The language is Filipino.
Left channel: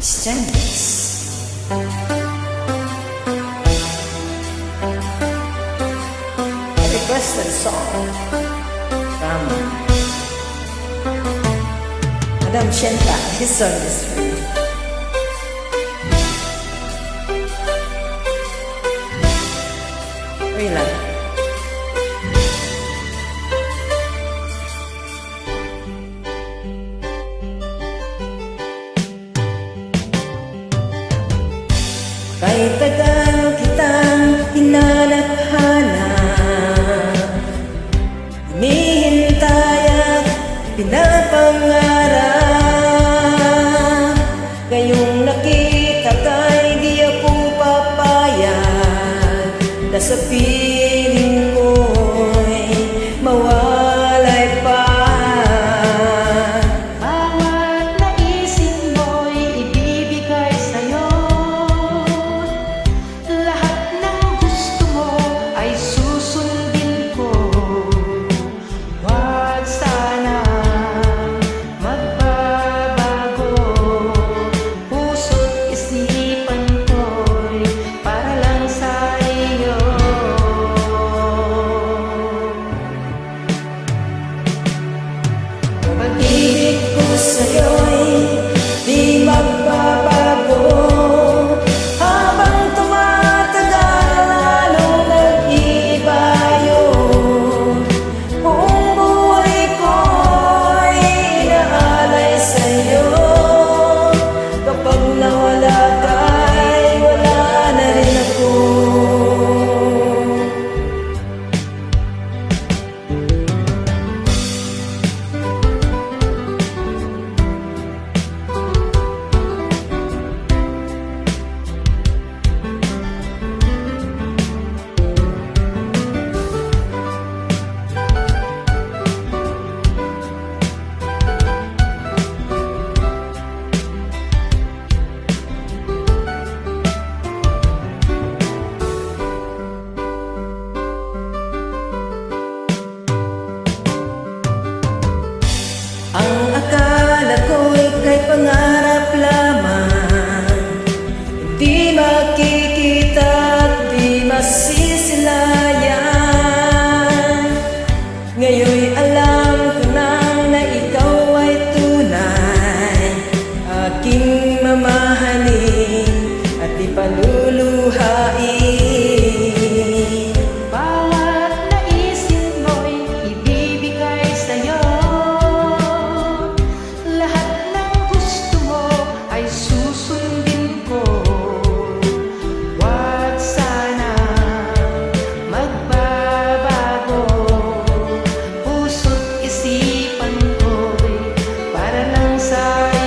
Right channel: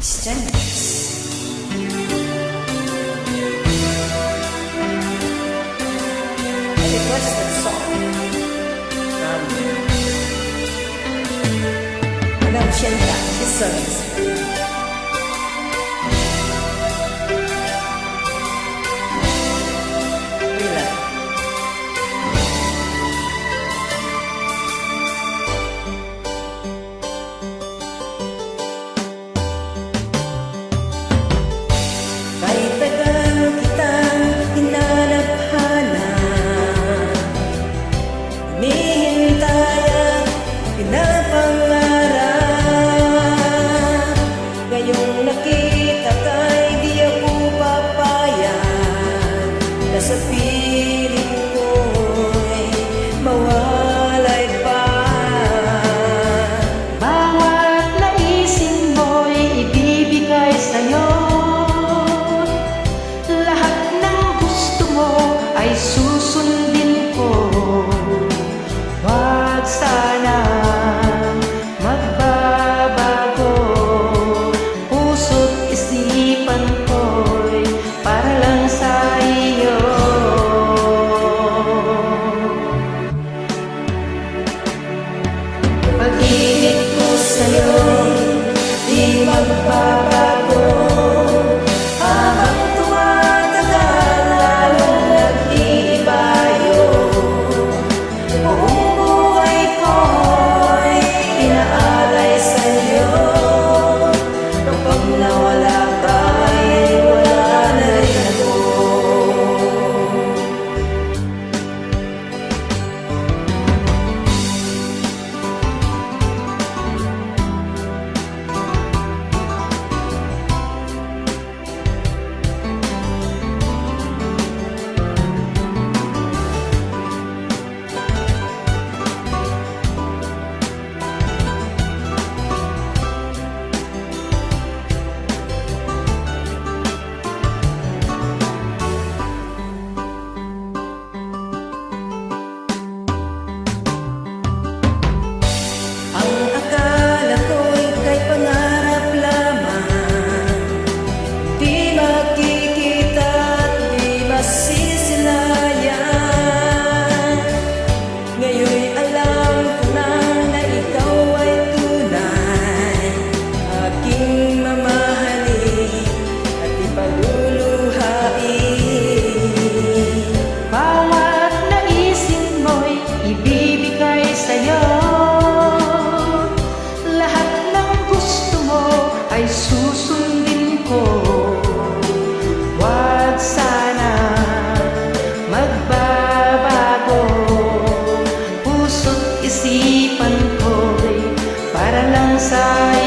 Strangers. A requested song from Madam Shenta. This song is for you. Wala. Kahit tagal kitang hinanap-hanap, hinihintay at pinapangarap, ngayong nakita ka'y di ako papayag na sa piling ko'y mawalay pa. Bawat naisin mo'y ibibigay sa'yo, lahat ng gusto mo ay susundin ko. Wag sana magbabago, puso't isipan ko'y para lang sa iyo. Pag-ibig ko sa'yo'y di magbabago, habang tumatagal lalong nag-iiba yun. Buong buhay ko'y inaalay sa'yo, kapag nawala ka'y wala na rin ako. Ang akala ko'y kay pangarap lamang, hindi makikita at di masisilayan. Ngayon'y alam ko na na ikaw ay tunay, aking mamahalin at ipaluluhain. Bawat naisin mo'y ibibigay sa'yo, lahat ng gusto mo ay susundin ko. Wag sana magbabago, puso't isipan ko'y para lang sa'yo.